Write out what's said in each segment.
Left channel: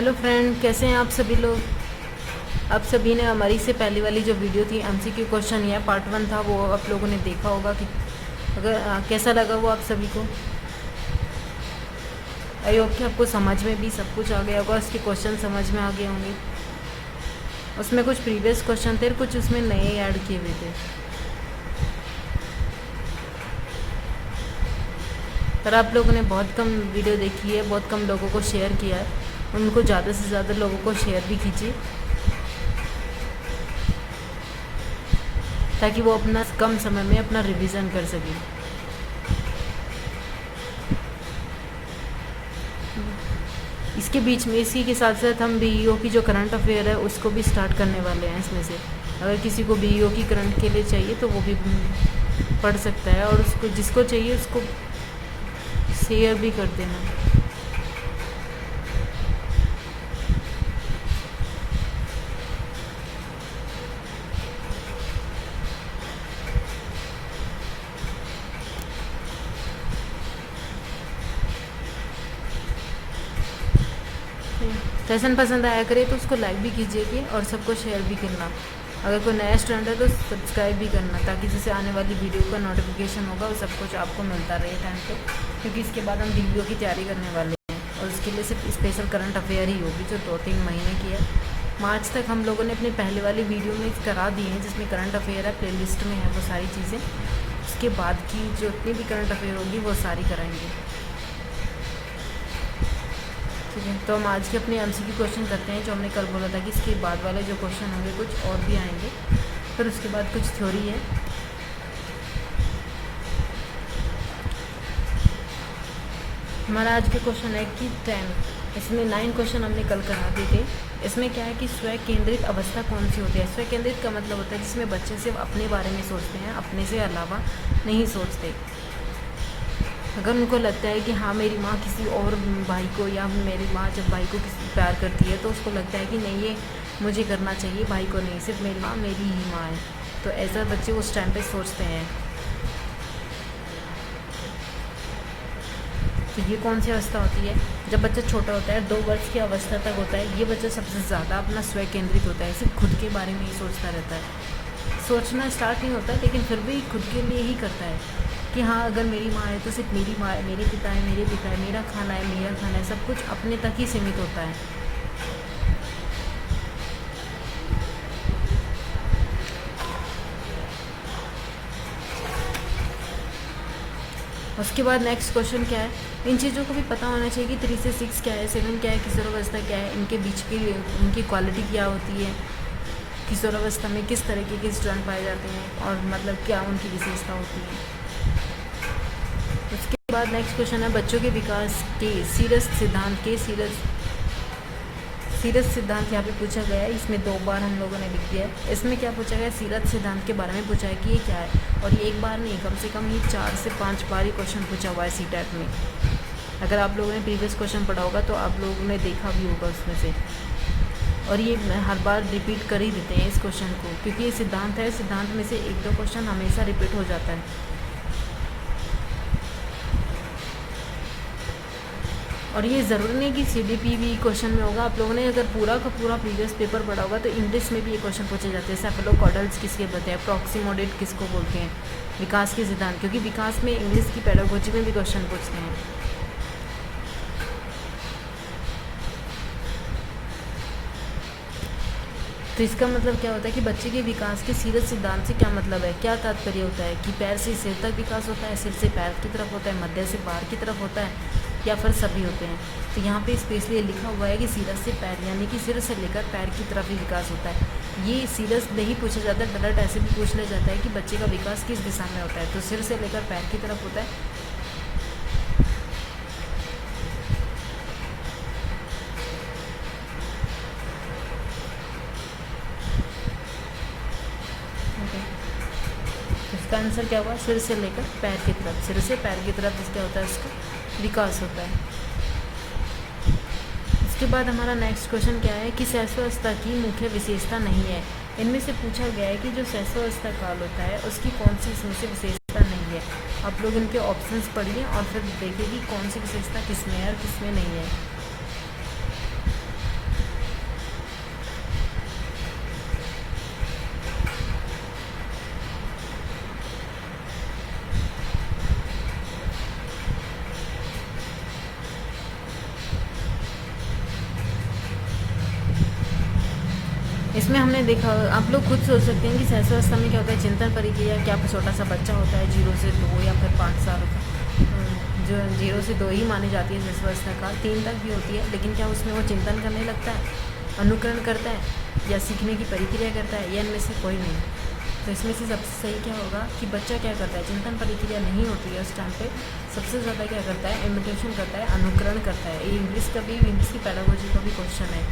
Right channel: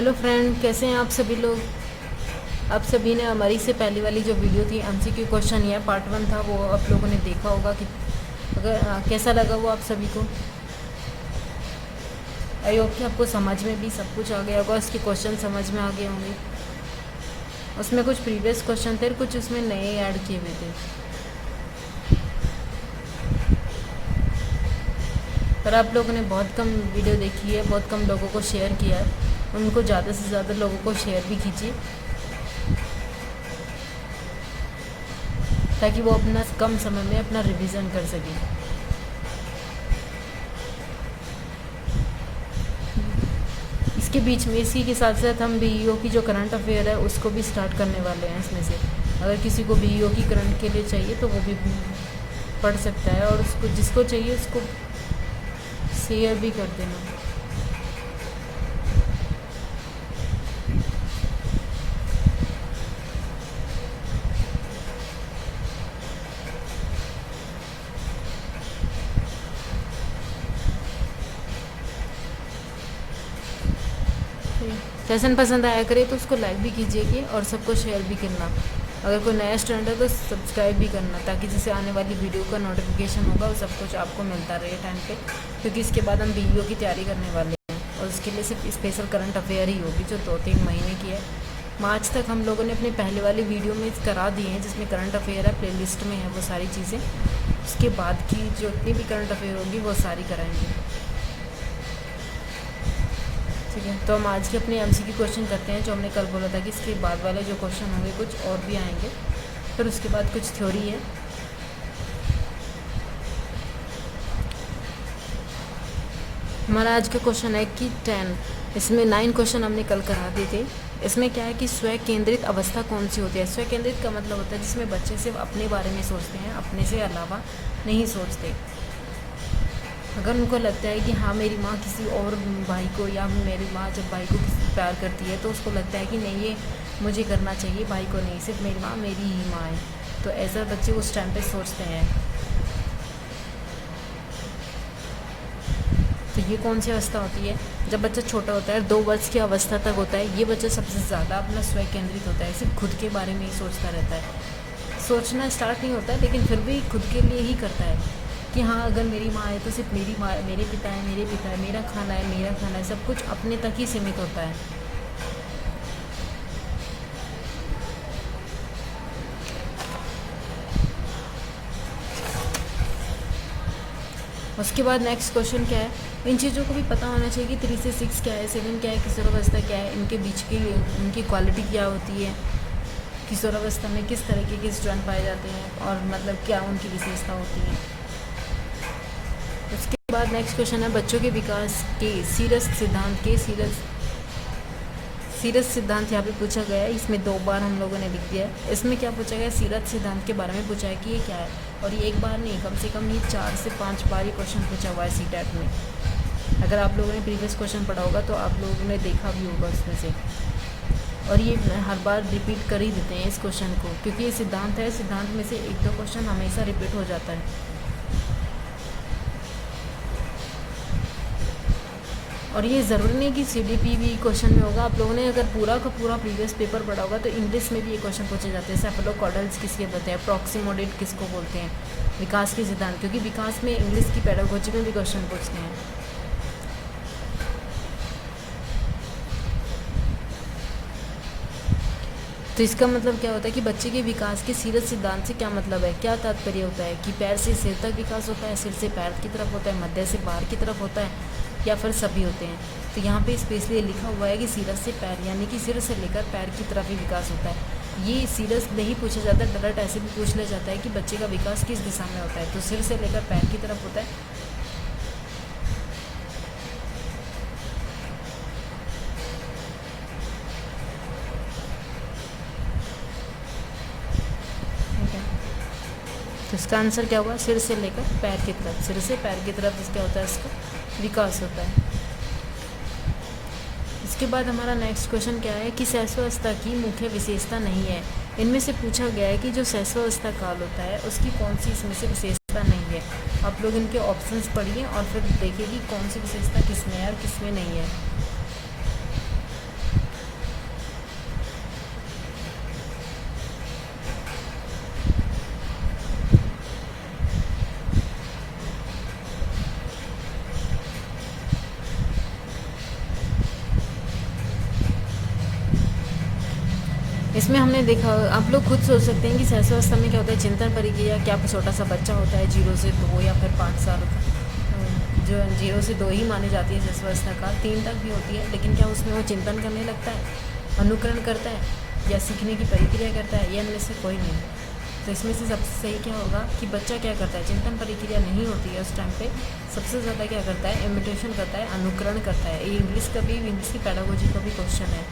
Hello friend, कैसे हैं आप सभी लोग। आप सभी ने हमारी से पहली वाली जो वीडियो थी एमसीक्यू क्वेश्चन या पार्ट 1 था, वो आप लोगों ने देखा होगा कि अगर कैसा लगा वो आप सभी को। आई होप कि आपको समझ में भी सब कुछ आ गया होगा, उसके क्वेश्चन समझ में आ गए होंगे। उसमें कुछ प्रीवियस क्वेश्चन थे, कुछ उसमें नए ऐड किए हुए थे। पर आप लोगों ने बहुत कम वीडियो देखी है, बहुत कम लोगों को शेयर किया है। उनको ज़्यादा से ज़्यादा लोगों को शेयर भी कीजिए, ताकि वो अपना कम समय में अपना रिवीजन कर सकें। इसके बीच में इसी के साथ साथ हम बीईओ की जो करंट अफेयर है उसको भी स्टार्ट करने वाले हैं। इसमें से अगर किसी को बीईओ की करंट के लिए चाहिए तो वो भी पढ़ सकता है, और उसको जिसको चाहिए उसको शेयर भी कर देना। सेशन पसंद आया करे तो उसको लाइक भी कीजिएगा और सबको शेयर भी करना। अगर कोई नया स्टूडेंट है तो सब्सक्राइब भी करना, ताकि जैसे आने वाली वीडियो का नोटिफिकेशन होगा वो सब कुछ आपको मिलता रहे टाइम पे। क्योंकि इसके बाद हम बीईओ की तैयारी करने वाले हैं, और उसके लिए सिर्फ स्पेशल करंट अफेयर ही होगी जो 2-3 महीने की है। मार्च तक हम लोगों ने अपनी पहले वाली वीडियो में करा दी है, जिसमें करंट अफेयर है, प्ले लिस्ट में है वो सारी चीज़ें। उसके बाद की जो इतनी भी करंट अफेयर होगी वो सारी कराएंगे। ठीक है, तो हम आज की अपनी एमसीक्यू क्वेश्चन करते हैं, जो हमने कल बोला था कि इसके बाद वाले जो क्वेश्चन होंगे कुछ और भी आएंगे। फिर उसके बाद कुछ थ्योरी है। हमारा आज का क्वेश्चन है कि 10, इसमें 9 क्वेश्चन हमने कल करा दिए थे। इसमें क्या है कि स्व केंद्रित अवस्था कौन सी होती है। स्व केंद्रित का मतलब होता है जिसमें बच्चे सिर्फ अपने बारे में सोचते हैं, अपने से अलावा नहीं सोचते। अगर उनको लगता है कि हाँ मेरी माँ किसी और भाई को, या मेरी माँ जब भाई को किसी प्यार करती है तो उसको लगता है कि नहीं ये मुझे करना चाहिए, भाई को नहीं, सिर्फ मेरी माँ मेरी ही माँ है। तो ऐसा बच्चे उस टाइम पे सोचते हैं। तो ये कौन सी अवस्था होती है। जब बच्चा छोटा होता है, 2 वर्ष की अवस्था तक होता है, ये बच्चा सबसे ज़्यादा अपना स्व केंद्रित होता है, सिर्फ खुद के बारे में ही सोचता रहता है। सोचना स्टार्ट नहीं होता, लेकिन फिर भी खुद के लिए ही करता है कि हाँ अगर मेरी माँ है तो सिर्फ मेरी माँ है, मेरे पिता है मेरे पिता है, मेरा खाना है मेरा खाना है, सब कुछ अपने तक ही सीमित होता है। उसके बाद नेक्स्ट क्वेश्चन क्या है। इन चीज़ों को भी पता होना चाहिए कि 3 से 6 क्या है, 7 क्या है, किशोरावस्था क्या है, इनके बीच की उनकी क्वालिटी क्या होती है, किशोरावस्था में किस तरीके के स्टूडेंट पाए जाते हैं, और मतलब क्या उनकी विशेषता होती है। उसके बाद नेक्स्ट क्वेश्चन है बच्चों के विकास के सीरस सिद्धांत के सीरत सिद्धांत यहाँ पे पूछा गया है। इसमें 2 बार हम लोगों ने लिख दिया है। इसमें क्या पूछा गया है, सीरत सिद्धांत के बारे में पूछा है कि ये क्या है। और ये एक बार नहीं, कम से कम ये 4 से 5 बार ही क्वेश्चन पूछा हुआ है सीटेट में। अगर आप लोगों ने प्रीवियस क्वेश्चन पढ़ा होगा तो आप लोगों ने देखा भी होगा उसमें से। और ये हर बार रिपीट कर ही देते हैं इस क्वेश्चन को, क्योंकि ये सिद्धांत है। सिद्धांत में से 1-2 क्वेश्चन हमेशा रिपीट हो जाता है। और ये ज़रूरी नहीं कि सीडीपी भी क्वेश्चन में होगा। आप लोगों ने अगर पूरा का पूरा प्रीवियस पेपर पढ़ा होगा तो इंग्लिश में भी ये क्वेश्चन पूछे जाते हैं। सेफेलोकॉर्डल्स किसके बोलते हैं, प्रॉक्सिमोडेट किसको बोलते हैं, विकास के सिद्धांत, क्योंकि विकास में इंग्लिश की पेडागोजी में भी क्वेश्चन पूछते हैं। तो इसका मतलब क्या होता है कि बच्चे के विकास के सीरत सिद्धांत से क्या मतलब है, क्या तात्पर्य होता है कि पैर से सिर तक विकास होता है, सिर से पैर की तरफ होता है, मध्य से बाहर की तरफ होता है, या फिर सभी होते हैं। तो यहाँ पे स्पेशली लिखा हुआ है कि सीरत से पैर, यानी कि सिर से लेकर पैर की तरफ ही विकास होता है। ये सीरत नहीं पूछा जाता, डायरेक्ट ऐसे भी पूछ लिया जाता है कि बच्चे का विकास किस दिशा में होता है, तो सिर से लेकर पैर की तरफ होता है। तो इसका आंसर क्या हुआ, सिर से लेकर पैर की तरफ, सिर से पैर की तरफ जिसका होता है इसका विकास होता है। इसके बाद हमारा नेक्स्ट क्वेश्चन क्या है कि शैशवावस्था की मुख्य विशेषता नहीं है। इनमें से पूछा गया है कि जो शैशवावस्था काल होता है उसकी कौन सी इसमें से विशेषता नहीं है। आप लोग इनके ऑप्शंस पढ़िए और फिर देखिए कि कौन सी विशेषता किसमें है और किसमें नहीं है। इसमें हमने देखा, आप लोग खुद सोच सकते हैं कि सहस्त्रावस्था में क्या होता है, चिंतन प्रक्रिया, क्या छोटा सा बच्चा होता है 0 से 2 या फिर 5 साल का, जो 0 से 2 ही मानी जाती है सहस्त्रावस्था काल, 3 तक भी होती है, लेकिन क्या उसमें वो चिंतन करने लगता है, अनुकरण करता है या सीखने की प्रक्रिया करता है, या इनमें से कोई नहीं। तो इसमें से सबसे सही क्या होगा कि बच्चा क्या करता है, चिंतन प्रक्रिया नहीं होती है उस टाइम पे, सबसे ज़्यादा क्या करता है, इमिटेशन करता है, अनुकरण करता है। ये इंग्लिश की पेडागोजी का भी क्वेश्चन है।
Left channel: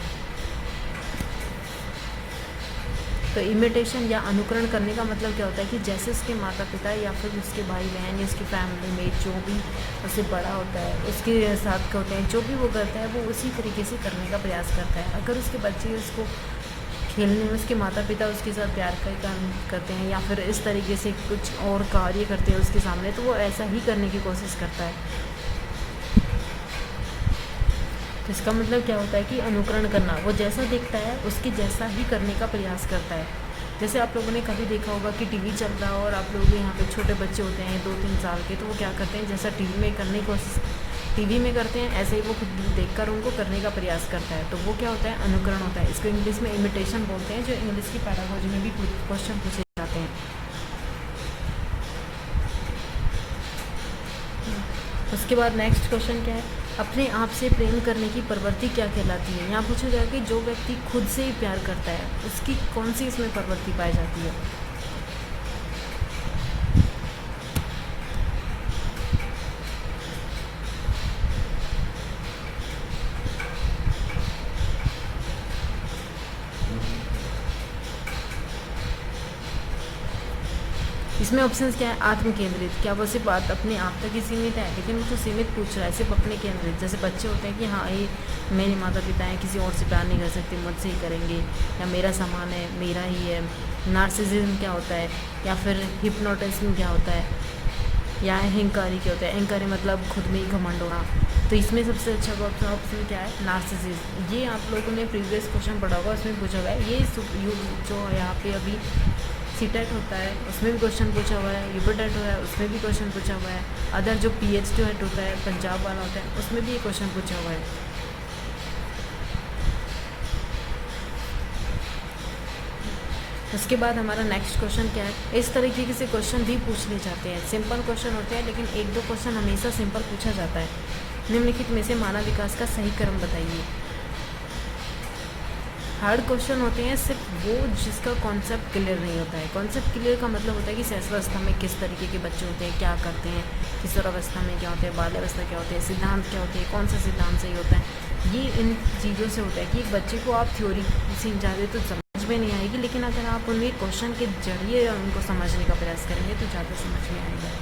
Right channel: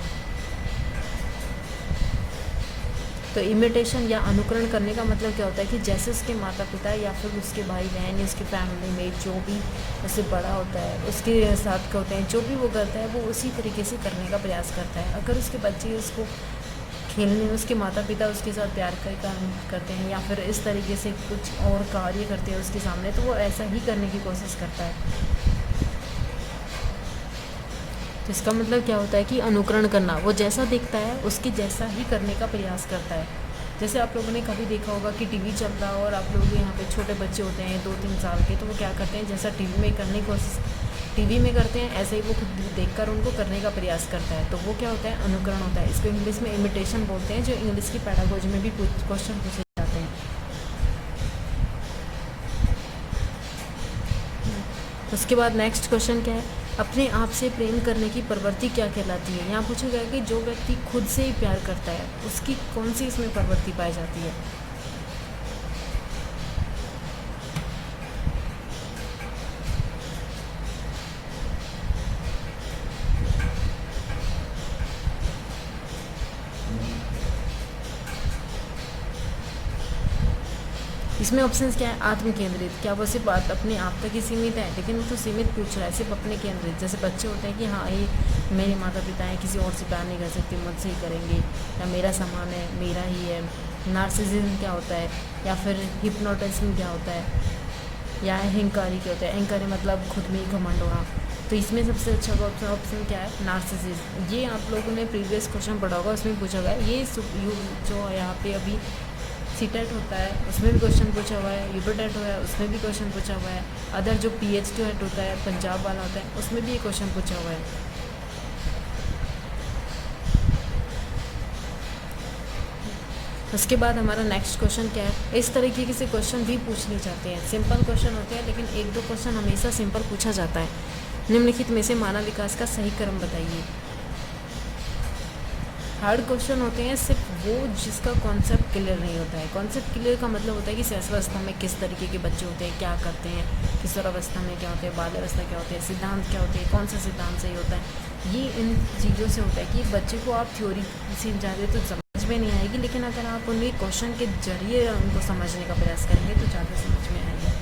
तो इमिटेशन या अनुकरण करने का मतलब क्या होता है कि जैसे उसके माता पिता या फिर उसके भाई बहन, उसकी फैमिली में जो भी उससे बड़ा होता है, उसके साथ का होता है, जो भी वो करता है वो उसी तरीके से करने का प्रयास करता है। अगर उसके बच्चे उसको खेलने में उसके माता पिता उसके साथ प्यार का काम करते हैं या फिर इस तरीके से कुछ और कार्य करते हैं उसके सामने, तो वो ऐसा ही करने की कोशिश करता है। तो इसका मतलब क्या होता है कि अनुकरण करना, वो जैसा देखता है उसके जैसा ही करने का प्रयास करता है। जैसे आप लोगों ने कभी देखा होगा कि टीवी चल रहा हो और आप लोग यहाँ पे छोटे बच्चे होते हैं 2-3 साल के, तो वो क्या करते हैं, जैसा टीवी में करने की कोशिश टीवी में करते हैं, ऐसे ही वो खुद देखकर उनको करने का प्रयास करता है। तो वो क्या होता है, अनुकरण होता है। इसको इंग्लिश में इमिटेशन बोलते हैं, जो इंग्लिश की पैडागोजी में भी क्वेश्चन पूछे जाते हैं। उसके बाद नेक्स्ट क्वेश्चन क्या है, अपने आप से प्रेम करने की प्रवृत्ति क्या कहलाती है। यहाँ पूछा गया कि जो व्यक्ति खुद से ही प्यार करता है उसकी कौन सी इसमें प्रवृत्ति पाई जाती है। इसमें ऑप्शंस क्या है, आत्म केंद्रित, क्या वो सिर्फ बात अपने आप तक ही सीमित है, लेकिन वो तो सीमित पूछ रहा है, सिर्फ अपने केंद्रित। जैसे बच्चे होते हैं कि हाँ ये मेरे माता पिता हैं, किसी और से प्यार नहीं कर सकते, मुझसे ही करेंगे, या मेरा सामान है, मेरा ही है। नार्सिसिज्म क्या होता है, या फिर हिप्नोटिज्म क्या होता है, या अहंकारी क्या होता है। अहंकारी मतलब खुद में ही घमंड होना। तो इसमें सबसे अच्छा ऑप्शन क्या है, नार्सिसिज्म। ये आप लोगों ने प्रीवियस क्वेश्चन पढ़ा होगा, उसमें पूछा गया है। ये जो यहाँ पे अभी सीटेट होता है उसमें भी क्वेश्चन पूछा हुआ है, यूपीटेट हुआ है उसमें भी क्वेश्चन पूछा हुआ है, अदर जो PH होता है पंजाब वाला होता है उसमें भी ये क्वेश्चन पूछा हुआ है। उसके बाद हमारा नेक्स्ट क्वेश्चन क्या है, इस तरीके से क्वेश्चन भी पूछने जाते हैं। सिंपल क्वेश्चन होते हैं, लेकिन 1-2 क्वेश्चन हमेशा सिंपल पूछा जाता है। निम्नलिखित में से मानव विकास का सही क्रम बताइए। हार्ड क्वेश्चन होते हैं सिर्फ वो जिसका कॉन्सेप्ट क्लियर नहीं होता है। कॉन्सेप्ट क्लियर का मतलब होता है कि सहस्त्रावस्था में किस तरीके के बच्चे होते हैं, क्या करते हैं, किशोरावस्था में क्या होते हैं, बाल्यावस्था क्या होते हैं, सिद्धांत क्या होते हैं, कौन सा सिद्धांत सही होता है। ये इन चीज़ों से होता है कि एक बच्चे को आप थ्योरी सीख जाते तो समझ में नहीं आएगी, लेकिन अगर आप उन्हें क्वेश्चन के जरिए उनको समझने का प्रयास करेंगे तो ज़्यादा समझ में आएगा।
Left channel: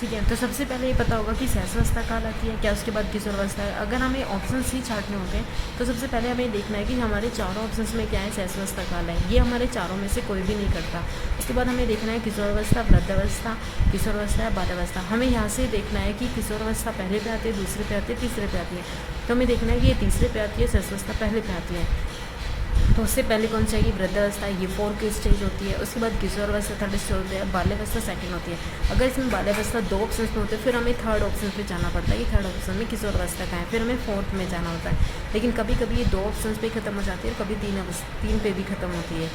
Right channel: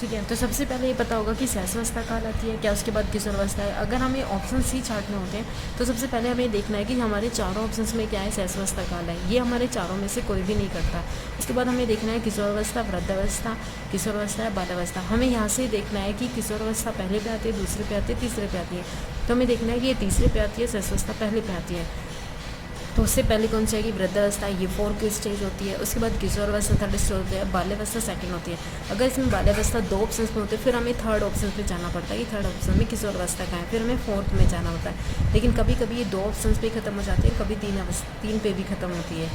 ठीक है, तो सबसे पहले ये पता होगा कि सहस्रावस्था काल आती है क्या, उसके बाद किशोरावस्था है। अगर हमें ऑप्शन ही छांटने होते हैं तो सबसे पहले हमें देखना है कि हमारे चारों ऑप्शंस में क्या है, सहस्रावस्था काल है, ये हमारे चारों में से कोई भी नहीं करता। उसके बाद हमें देखना है किशोरावस्था, वृद्धावस्था, किशोरावस्था या बाल्यावस्था। हमें यहाँ से देखना है कि किशोरावस्था पहले पे आती है, दूसरे पे आती है, तीसरे पे आती है। तो हमें देखना है कि ये तीसरे पे आती है, सहस्रावस्था पहले पे आती है। तो उससे पहले कौन सी आएगी, वृद्धावस्था, ये 4th स्टेज होती है। उसके बाद किशोरावस्था 3rd स्टेज होती है, बाल्यावस्था 2nd होती है। अगर इसमें बाल्यावस्था 2 ऑप्शन में होते हैं, फिर हमें 3rd ऑप्शन पे जाना पड़ता है कि 3rd ऑप्शन में किशोरावस्था का है, फिर हमें 4th में जाना होता है। लेकिन कभी कभी ये 2 ऑप्शन पे खत्म हो जाती है, कभी 3 पे भी खत्म होती है।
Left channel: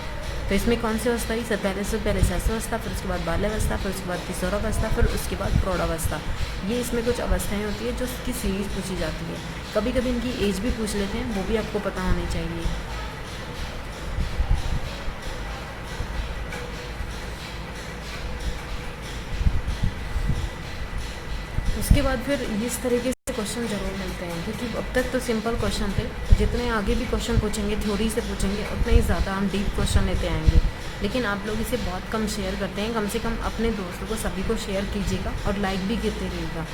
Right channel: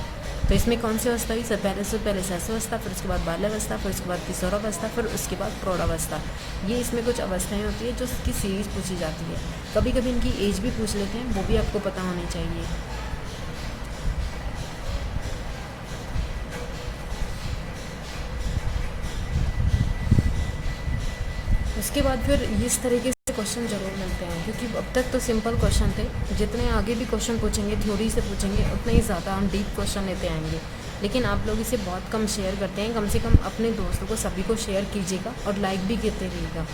तो इसमें कौन सी अवस्था है, पहले सहस्रावस्था, फिर उसके बाद बाल्यावस्था, फिर उसके बाद किशोरावस्था, फिर उसके बाद प्रौढ़ावस्था। ये इसमें कुछ अवस्थाएं होती है जो उसकी सीरीज पूछी जाती है। कभी कभी इनकी एज भी पूछ लेते हैं, वो भी आपको पता होनी चाहिए। इसके बाद फिर इस तरीके से क्वेश्चन ज़रूर मिलते हैं, क्योंकि अब तक तो सिंपल क्वेश्चन थे। जितने आगे भी क्वेश्चन पूछेंगे, थ्योरी से पूछेंगे, उतने ही ज़्यादा हम डीप क्वेश्चन लेते आएंगे। लेकिन आप लोग इसे बहुत कम शेयर करते हैं। कम से कम अपने दोस्तों को सभी को शेयर कीजिएगा और लाइक भी करते रहिएगा।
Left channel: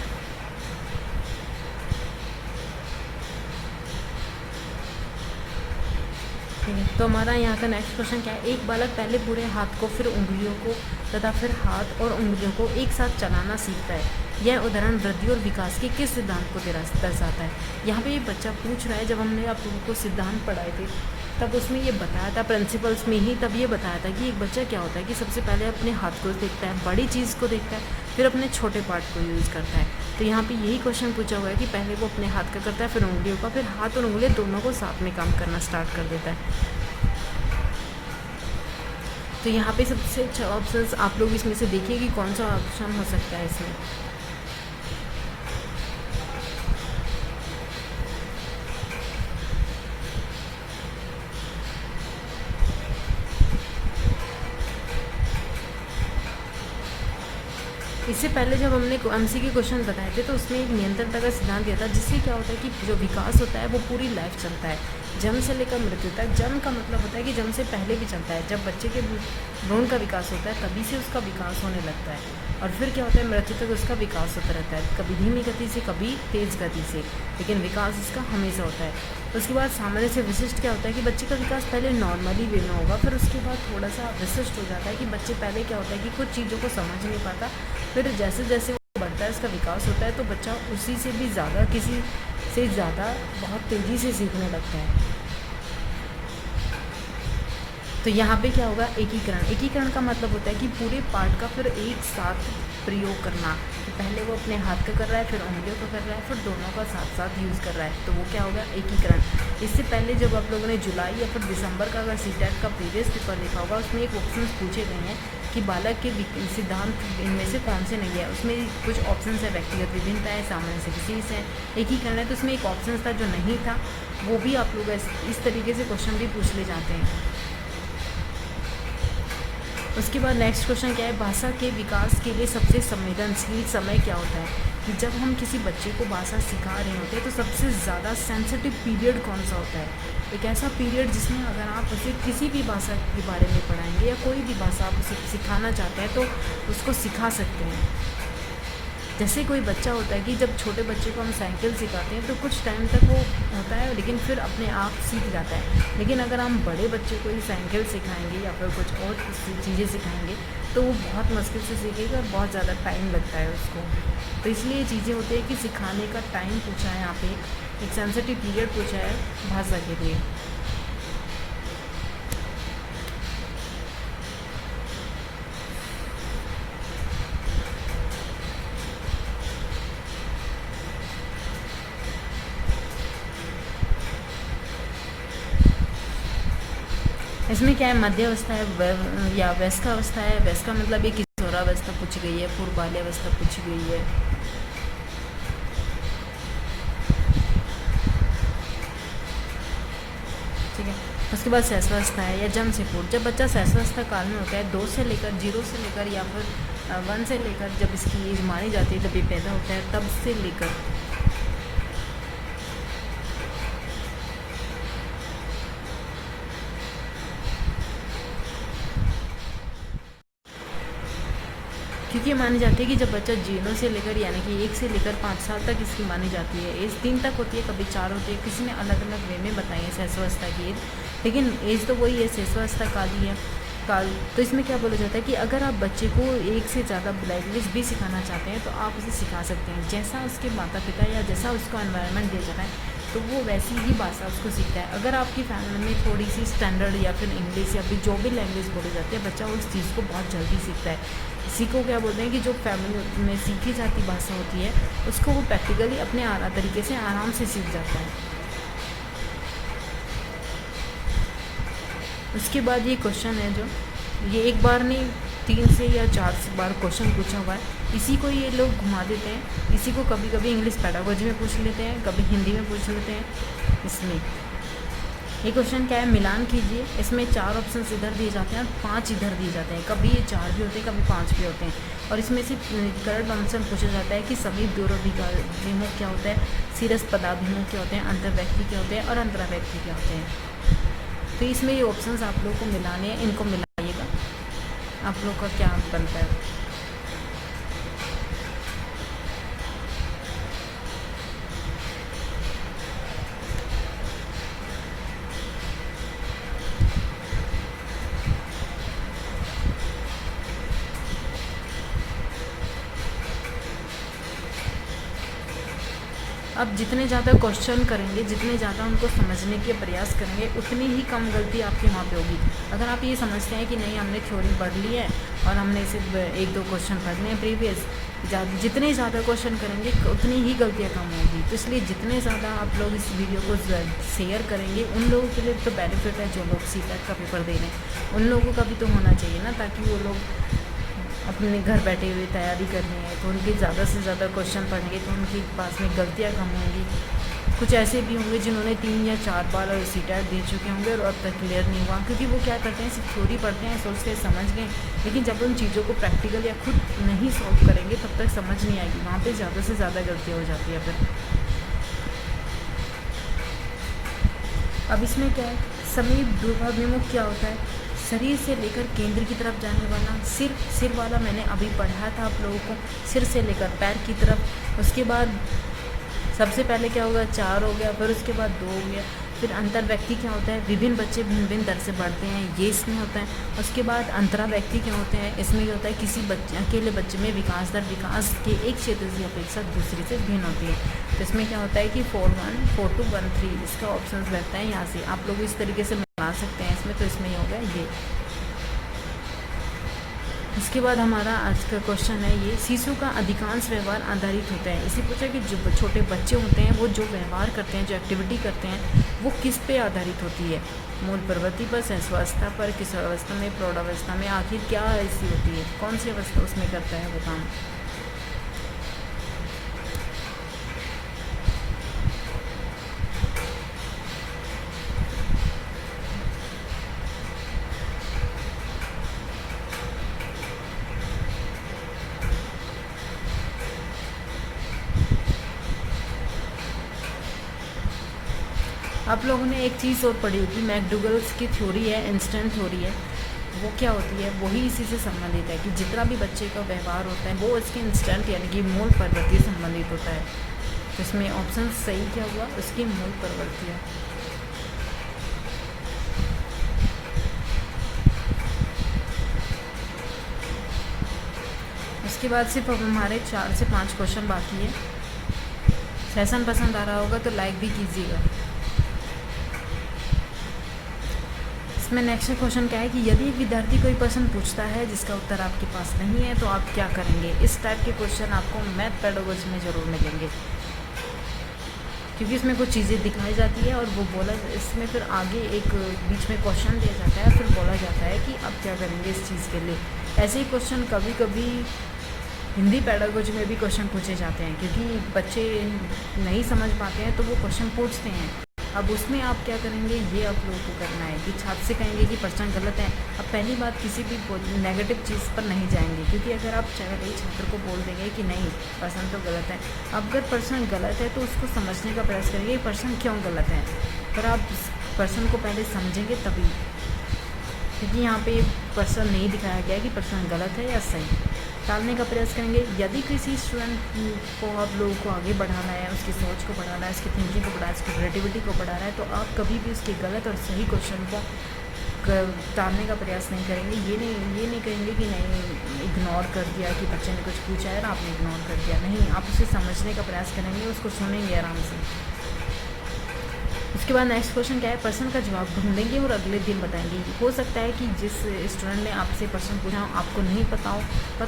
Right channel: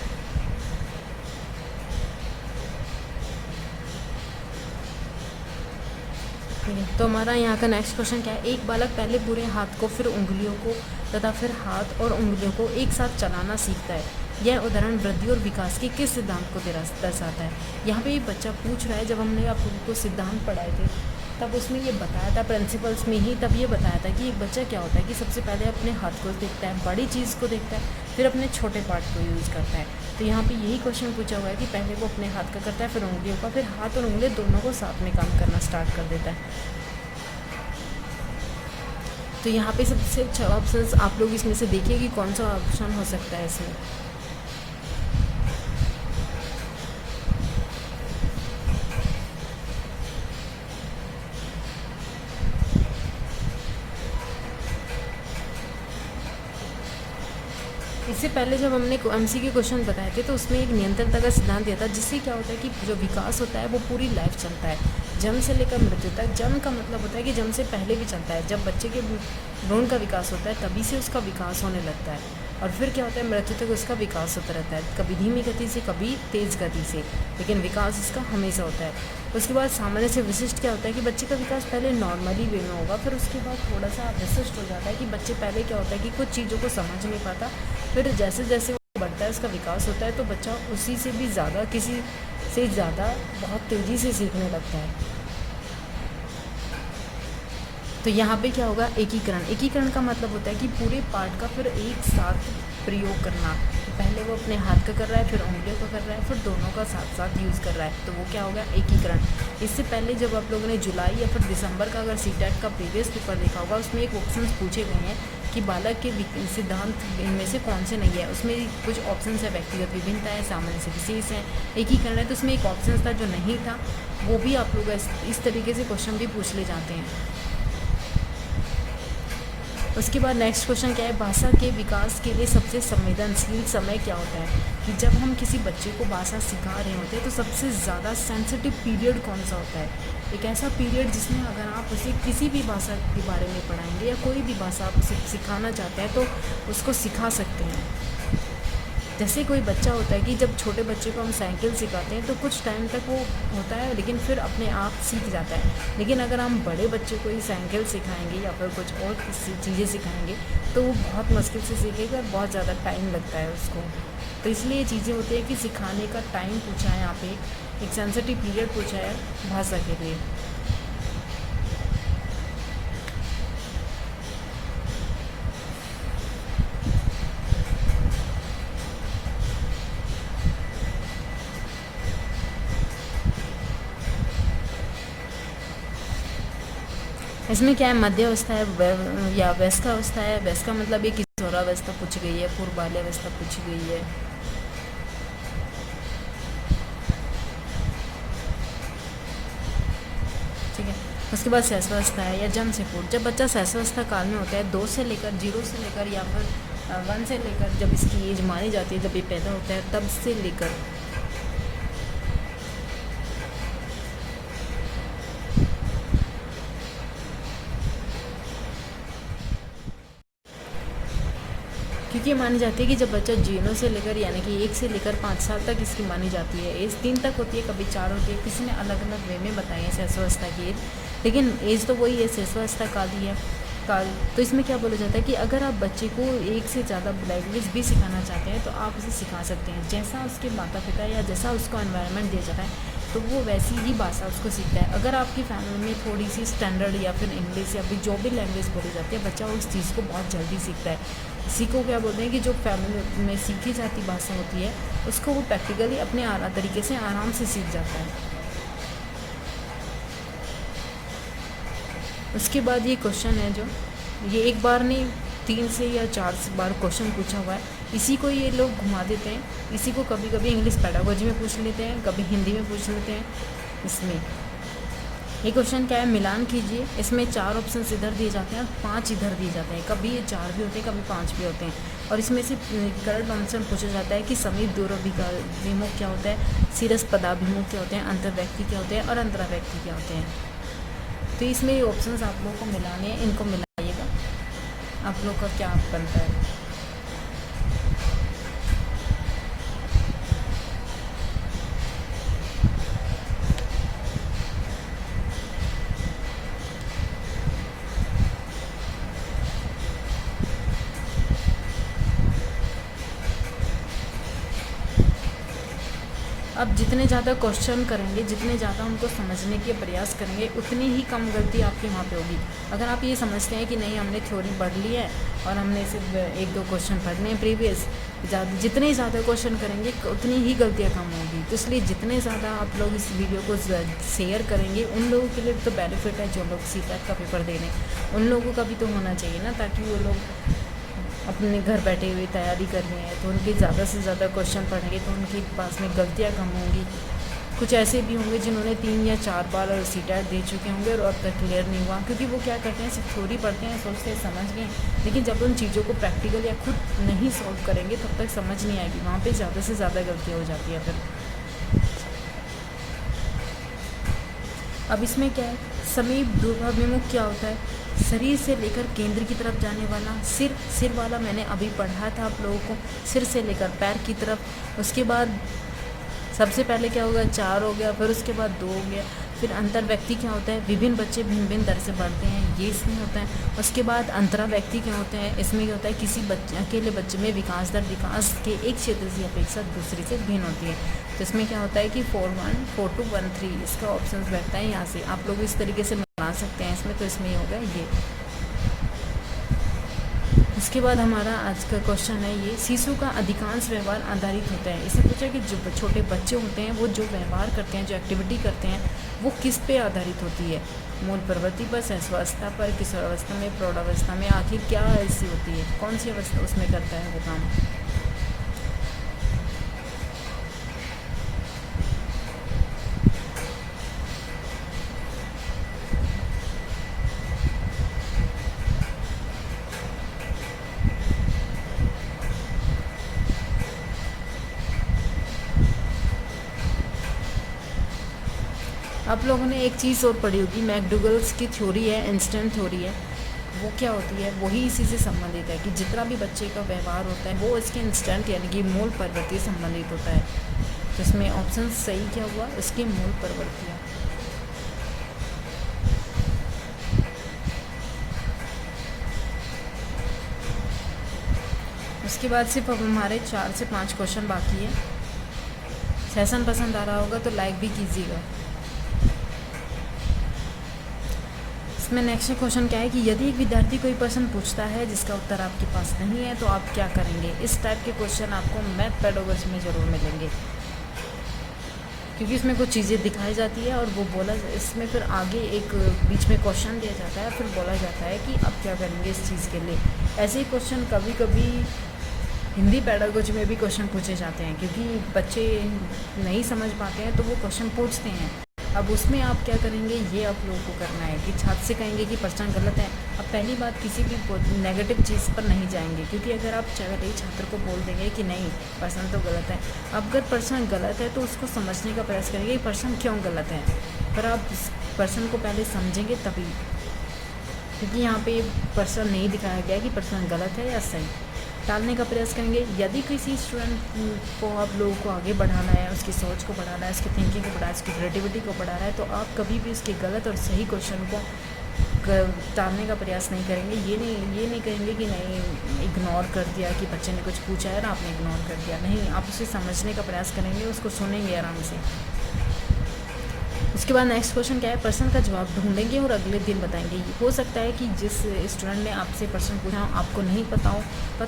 ठीक है, तो हमारा यहाँ का नेक्स्ट क्वेश्चन क्या है। एक बालक पहले पूरे हाथ को, फिर उंगलियों को तथा फिर हाथ और उंगलियों को एक साथ चलाना सीखता है। यह उदाहरण वृद्धि और विकास के किस सिद्धांत को दर्शाता है। यहाँ पे ये बच्चा पूछ रहा है, जब हमने आप लोगों को सिद्धांत पढ़ाए थे तब उसमें ये बताया था, प्रिंसिपल्स में ही तब ये बताया था कि एक बच्चा क्या होता है कि सबसे पहले अपने हाथ को देखता है, बड़ी चीज़ को देखता है, फिर अपने छोटे पार्ट को यूज़ करता है। तो यहाँ पे यही क्वेश्चन पूछा हुआ है कि पहले वो अपने हाथ का करता है, फिर उंगलियों का, फिर हाथ और उंगलियाँ दोनों को साथ में काम करना स्टार्ट कर देता है। तो यहाँ पे सबसे अच्छा ऑप्शन आप लोग इसमें से देखिए कि कौन सा ऑप्शन हो सकता है इसमें। इससे पहले जब हमने एमसीक्यू क्वेश्चन बताए थे तो उसमें एक नियंत्रणता का सिद्धांत दिया था, जिससे क्या होता है कि जो विकास होता है वो पूरी लाइफ चलता है, जन्म से लेकर मृत्यु तक। जन्म का मतलब होता है कि जन्म से पहले भी चलता है, जब बच्चे के भ्रूण का विकास होता है तभी से उसका विकास होने लगता है, और फिर क्या होता है मृत्यु तक उसका विकास होता रहता है, कभी धीमी गति से कभी तेज़ गति से, लेकिन विकास उसका हमेशा होता है। उसके बाद सामान्य से विशिष्ट क्या होता है कि बच्चे का विकास पहले नॉर्मली वे में होगा, फिर उसके बाद थोड़ा सा विशिष्ट हो जाता है कि बच्चे पहले क्या होता है कि कुछ चीज़ों को समझ नहीं पाता, फिर जैसे जैसे वो बढ़ता है उसका विकास होता है तो बच्चा उसी से भी ज़्यादा, किसी से ज़्यादा बहुत तेज़ी से सीखने लगता है। तो यहाँ पे क्या होगा, एकीकरण। एकीकरण का मतलब होता है कि पूरे पार्ट का फिर एक साथ प्रयोग करना। तो पहले वो अपने हाथ का कर रहा है, फिर उंगलियों का कर रहा है, फिर दोनों का साथ साथ यूज़ कर रहा है, तो वो क्या होगा, एकीकरण। इससे पहले जब आप लोगों ने जुलाई या फिर दिसंबर का अगर सीटेट का प्रीवियस पेपर देखा होगा, उसमें एक ऑप्शन पूछे गए हैं कि बालक के सिद्धांत इनमें से कौन से नहीं है। उसमें कुछ ऑप्शन है, व्यक्तिगत विभिन्नता है, सामान्य से विशेष है, एकीकरण है। तो उसमें एक ऑप्शन था जो नहीं था, वो भी आप लोग इस तरीके से क्वेश्चन भी पूछ ले जाते हैं। उसके बाद नेक्स्ट क्वेश्चन क्या है, भाषा के विकास के लिए सबसे संवेदनशील समय क्या होता है। कि जब हम किसी बच्चे को भाषा सिखा रहे होते हैं तो सबसे ज़्यादा सेंसिटिव पीरियड कौन सा होता है। एक ऐसा पीरियड जिसमें अगर आप उसे किसी भी भाषा के बारे में पढ़ाएंगे या कोई भी भाषा आप उसे सिखाना चाहते हैं तो उसको सिखा सकते हैं। जैसे कोई बच्चा होता है कि जब छोटे बच्चे को हम साइकिल सिखाते हैं तो कुछ टाइम तक वो होता है, लेकिन फिर अपने आप सीख जाता है। लेकिन अगर हम बड़े बच्चे को ही साइकिल सिखाएंगे या फिर कुछ और चीज़ें सिखाएंगे तो वो बहुत मुश्किल से सीखेगा और बहुत ज़्यादा टाइम लगता है उसको। तो इसलिए ये चीज़ें होती है कि सिखाने का टाइम पूछा है, यहाँ पे एक सेंसिटिव पीरियड पूछा है भाषा के लिए। इसमें क्या है, मध्य अवस्था है या वयस्का अवस्था है। वयस्का मतलब ये किशोरावस्था पूछी गई है, पूर्व बाल्यावस्था पूछी गई है। ठीक है, उसके बाद शैशवावस्था है या जन्म से पूर्व। जब बच्चा शैशवावस्था काल में होता है, 2 से लेकर 0 से लेकर या फिर 1 से लेकर जब इसकी एज मानी जाती है, जब ये पैदा होता है तब से लेकर क्योंकि ये मानी जाती है कि जब बच्चा 0 से लेकर यानी कि 1 से लेकर 5 साल तक इसकी मानी जाती है। एज 3 तक होती है, कभी 4 होती है, किसी ने अलग अलग वे में बताई है शैशवावस्था की एज, लेकिन एज तो वही है, शैशवावस्था काल ही है काल। तो इसमें क्या बोला जाता है कि अगर आप बच्चे को 1 से ज़्यादा लैंग्वेज भी सिखाना चाहते हैं तो आप उसे सिखा सकते हैं, जैसा उसके माता पिता या जैसा उसका एनवायरनमेंट दिया जाता है तो वो वैसी ही भाषा उसको सीखता है। अगर आपकी फैमिली में थोड़ी सी स्टैंडर्ड या फिर इंग्लिश या फिर जो भी लैंग्वेज बोली जाती है, बच्चा उस चीज़ को बहुत जल्दी सीखता है। इसी को क्या बोलते हैं कि जो फैमिली में सीखी जाती भाषा होती है उसको वो प्रैक्टिकली अपने तरीके से आराम से सीख जाता है। उसके बाद ये क्वेश्चन है जो ये एक बार नहीं 3 से या 4 बार क्वेश्चन पूछा हुआ है, इसी को ये लोग घुमा देते हैं। इसी को कभी कभी इंग्लिश पेडागोजी में पूछ लेते हैं, कभी हिंदी में पूछ लेते हैं। इसमें ये क्वेश्चन क्या है, मिलान कीजिए। इसमें 4 ऑप्शन इधर दिए जाते हैं और 5 इधर दिए जाते हैं, कभी ये 4 भी होते हैं, कभी 5 भी होते हैं। और इसमें से करेक्ट ऑप्शन पूछा जाता है कि समीप दूराभिमुख क्या होता है, शीर्ष पदाभिमुख क्या होते हैं, अंतर्व्यक्ति क्या होते हैं और अंतराव्यक्ति क्या होते हैं। तो इसमें ये ऑप्शंस आप लोग को मिलाने हैं, इनको मिलाइएगा, आप लोग का क्या बनता है। अब जितने ज़्यादा क्वेश्चन करेंगे, जितने ज़्यादा उनको समझने के प्रयास करेंगे, उतनी ही कम गलती आपकी वहाँ पे होगी। अगर आप ये समझते हैं कि नहीं हमने थ्योरी पढ़ ली है और हमने सिर्फ 1-2 क्वेश्चन पढ़ने हैं प्रीवियस, जितने ज़्यादा क्वेश्चन करेंगे उतनी ही गलतियाँ कम होगी। तो इसलिए जितने ज़्यादा आप लोग इस वीडियो को शेयर करेंगे, उन लोगों के लिए तो बेनिफिट है जो लोग CPAT का पेपर दे रहे हैं, उन लोगों का भी तो होना चाहिए ना, ताकि वो लोग अपने घर बैठे हुए तैयारी करनी है तो उनके ज़्यादा से ज़्यादा क्वेश्चन पढ़ेंगे तो उनके पास में गलतियाँ कम होंगी। कुछ ऐसे भी होंगे जिन्होंने 3 या 4 बार CPAT दे चुके होंगे और अब तक क्लियर नहीं हुआ, क्योंकि वो क्या करते हैं, सिर्फ थ्योरी पढ़ते हैं, सोचते हैं समझ गए, लेकिन जब उन चीज़ों को प्रैक्टिकल या खुद नहीं सॉल्व करेंगे तब तक समझ नहीं आएगी। वहाँ पर ज़्यादा से ज़्यादा गलतियाँ हो जाती है फिर। अब इसमें क्या है, समीप ध्रुवाभिमुख क्या होता है, शरीर से लेकर केंद्र की तरफ जाने वाला। सिर वाला मैंने अभी पढ़ा था आप लोगों को, सिर से लेकर पैर की तरफ। उसके बाद सबसे पहले क्या होगा, 4 हो गया, फिर उसके बाद 2 हो गया। फिर अंतर व्यक्ति क्या होता है, विभिन्न बच्चे भिन्न भिन्न तरह से पढ़ते हैं, ये इसमें होता है। उसके बाद अंतरा व्यक्ति क्या होते हैं, इसमें ये होता है किसी अकेले बच्चे में विकास दर विकास के एक क्षेत्र की अपेक्षा दूसरी से भिन्न होती है। तो इसमें क्या होता है कि 4-1, 4-2, 1-3 इसका ऑप्शन रहता है। यहाँ से आप लोग इस तरीके से बना सकते हैं इसमें। तो इसमें ये हो गया ये। इसके बाद हमारा आज का क्वेश्चन है ये, शिशु का अधिकांश व्यवहार आधारित होता है। इसे पूछा कि जो छोटे बच्चे होते हैं वो जो व्यवहार करते हैं, जो एक्टिविटी करते हैं, वो किस पे आधारित होती है, मूल प्रवृत्ति पर, शैशवावस्था पर, किशोरावस्था में, प्रौढ़ावस्था में, आखिर क्या ऐसी होती है, कौन सी अवस्था उसमें करता है वो काम। आप लोगों ने एक चीज़ और पढ़ी होगी, मैकडूगल्स की थ्योरी है, इंस्टेंट थ्योरी है। वो क्या होती है, वही इसी से संबंधित है कि जितना भी बच्चे का व्यवहार होता है वो इसके इंस्टेंट यानी कि मूल प्रवृत्ति से संबंधित होता है। तो इसमें ऑप्शन सही क्या हुआ, उसकी मूल प्रवृत्तियाँ। इसके बाद सिर्फ अब हमारे 4 से 5 क्वेश्चन बाकी है। सेशन पसंद आ रहा होगा तो लाइक भी कीजिएगा। इसमें नेक्स्ट क्वेश्चन क्या है कि यदि एक विद्यार्थी कोई प्रश्न पूछता है जिसका उत्तर आपके पास नहीं है तो आप क्या करेंगे। इस टाइप के क्वेश्चन आपको मैथ पेडागोजी में ज़रूर मिलेंगे, क्योंकि इसमें कुछ चीज़ें दिखाई जाती है और वो बोला, इसमें फिर आगे एक बीच में क्वेश्चन दिया जाता है, फिर बोला जाता है कि अब क्या करेंगे इस चीज़ के लिए। ऐसे ही क्वेश्चन कभी कभी हिंदी पेडागोजी में भी क्वेश्चन पूछे जाते हैं, क्योंकि बच्चे नहीं समझ पाते हैं तो वो क्वेश्चन पूछते हैं। अब उसमें आप क्या करेंगे, ये आप लोगों को करना है कि छात्र से कहेंगे कि प्रश्न गलत है। अब पहली बात, किसी भी नेगेटिव चीज़ पर नहीं जाएंगे, क्योंकि अगर आप छात्र को बोल देंगे कि नहीं प्रश्न तो गलत है, अब अगर प्रश्न गलत है तो उसको समझने का प्रयास करेंगे प्रश्न क्यों गलत है। पर आप प्रश्न को पहले समझेंगे तभी, क्योंकि यहाँ पे प्रश्न नहीं दिखाया गया कि प्रश्न गलत है या सही। टालने का प्रयास करेंगे। यदि किसी स्टूडेंट को आप लोगों को आगे बढ़ाना है, उसकी सोच को बढ़ाना है, उसकी थिंकिंग को बढ़ाना है, उसकी क्रिएटिविटी को बढ़ाना है, तो आप कभी भी उसके गलत और सही क्वेश्चन को टालने का प्रयास नहीं करेंगे। ये नहीं कहेंगे कि नहीं इग्नोर कर दिया, कि बच्चे ने कुछ पूछा है ना आपने इग्नोर कर दिया। नहीं, आप उसे समझने का प्रयास करेंगे, उसको सुनेंगे आराम से। उसके बाद नेक्स्ट क्वेश्चन क्या है, प्रश्न का जवाब ढूंढेंगे और अगले दिन बताएंगे। हो सकता है कि जिस स्टूडेंट ने आपसे प्रश्न पूछा आपको नहीं पता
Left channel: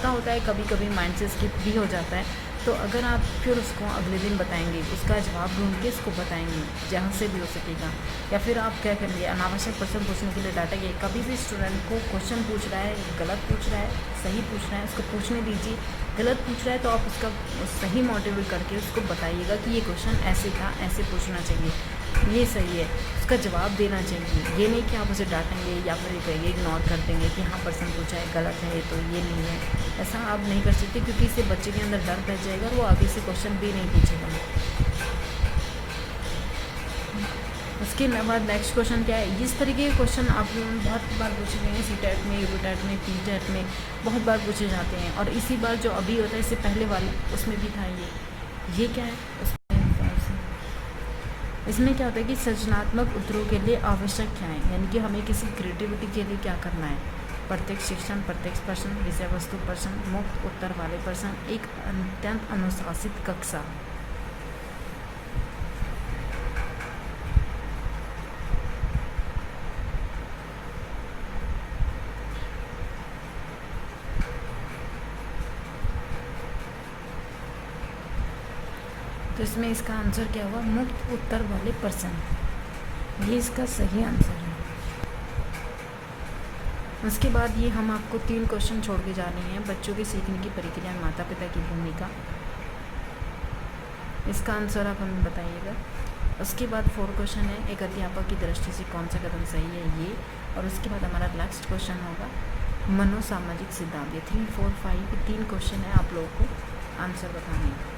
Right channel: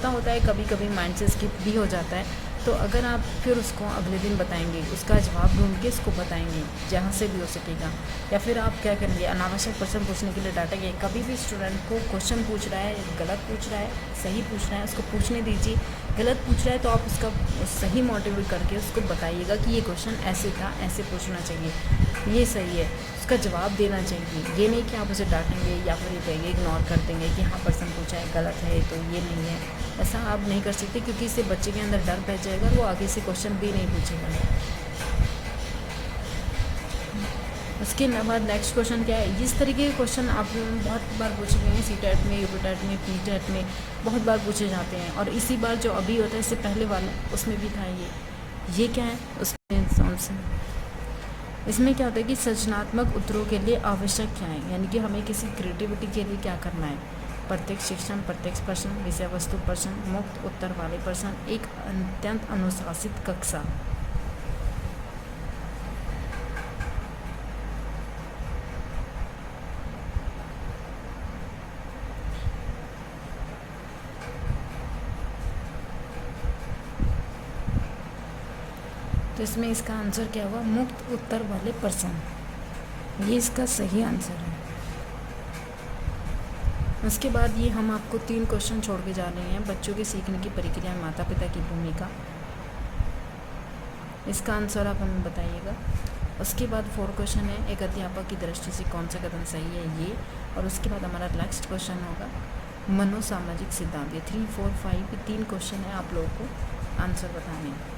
होता है, कभी कभी माइंड से स्किप भी हो जाता है। तो अगर आप फिर उसको अगले दिन बताएंगे, उसका जवाब ढूंढ के उसको बताएंगे जहाँ से भी हो सकेगा। या फिर आप क्या करेंगे, अनावश्यक प्रश्न पूछने के लिए डांटेंगे। कभी भी स्टूडेंट को क्वेश्चन पूछ रहा है, गलत पूछ रहा है, सही पूछ रहा है, उसको पूछने दीजिए। गलत पूछ रहा है तो आप उसका सही मोटिवेट करके उसको बताइएगा कि ये क्वेश्चन ऐसे था, ऐसे पूछना चाहिए, ये सही है, उसका जवाब देना चाहिए। ये नहीं कि आप उसे डांटेंगे या फिर कहेंगे इग्नोर कर देंगे कि हाँ प्रश्न पूछा है गलत है तो ये नहीं है। ऐसा आप नहीं कर सकते, क्योंकि इससे बच्चे के अंदर डर बैठ जाएगा और वो आगे से क्वेश्चन भी नहीं पूछेगा। उसके बाद नेक्स्ट क्वेश्चन क्या है, इस तरीके के क्वेश्चन आप बहुत बार पूछे गए हैं, CTET में, UPTET में, PTET में बहुत बार पूछे जाते हैं। और इसी बार जो अभी होता है इससे पहले वाला उसमें भी था ये क्या है उसमें इसमें क्या होता है कि सृजनात्मक उत्तरों के लिए आवश्यक क्या है, यानी कि हमें किसी क्रिएटिविटी के लिए क्या करना है। प्रत्यक्ष शिक्षण, प्रत्यक्ष प्रश्न, विषय वस्तु प्रश्न, मुक्त उत्तर वाले प्रश्न, एक अत्यंत अनुशासित कक्षा। तो इसमें इसका आंसर क्या होगा, मुक्त उत्तर वाले प्रश्न, ये इसका सही आंसर है। उसके बाद ये हम आपको 3 क्वेश्चन छोड़ के जा रहे हैं। बच्चों के सीखने की प्रक्रिया में माता पिता की भूमिका, इसका आंसर आप हमें बताइएगा। उसके बाद 4 क्वेश्चन है, एक अध्यापक की दृष्टि से कौन सा कदम सही है ये। और उसके बाद हमारा नेक्स्ट क्वेश्चन होगा मनोसामाजिक सिद्धांत। ये 3, 4, 5 3 क्वेश्चन है, आप लोगों को आंसर बताने हैं।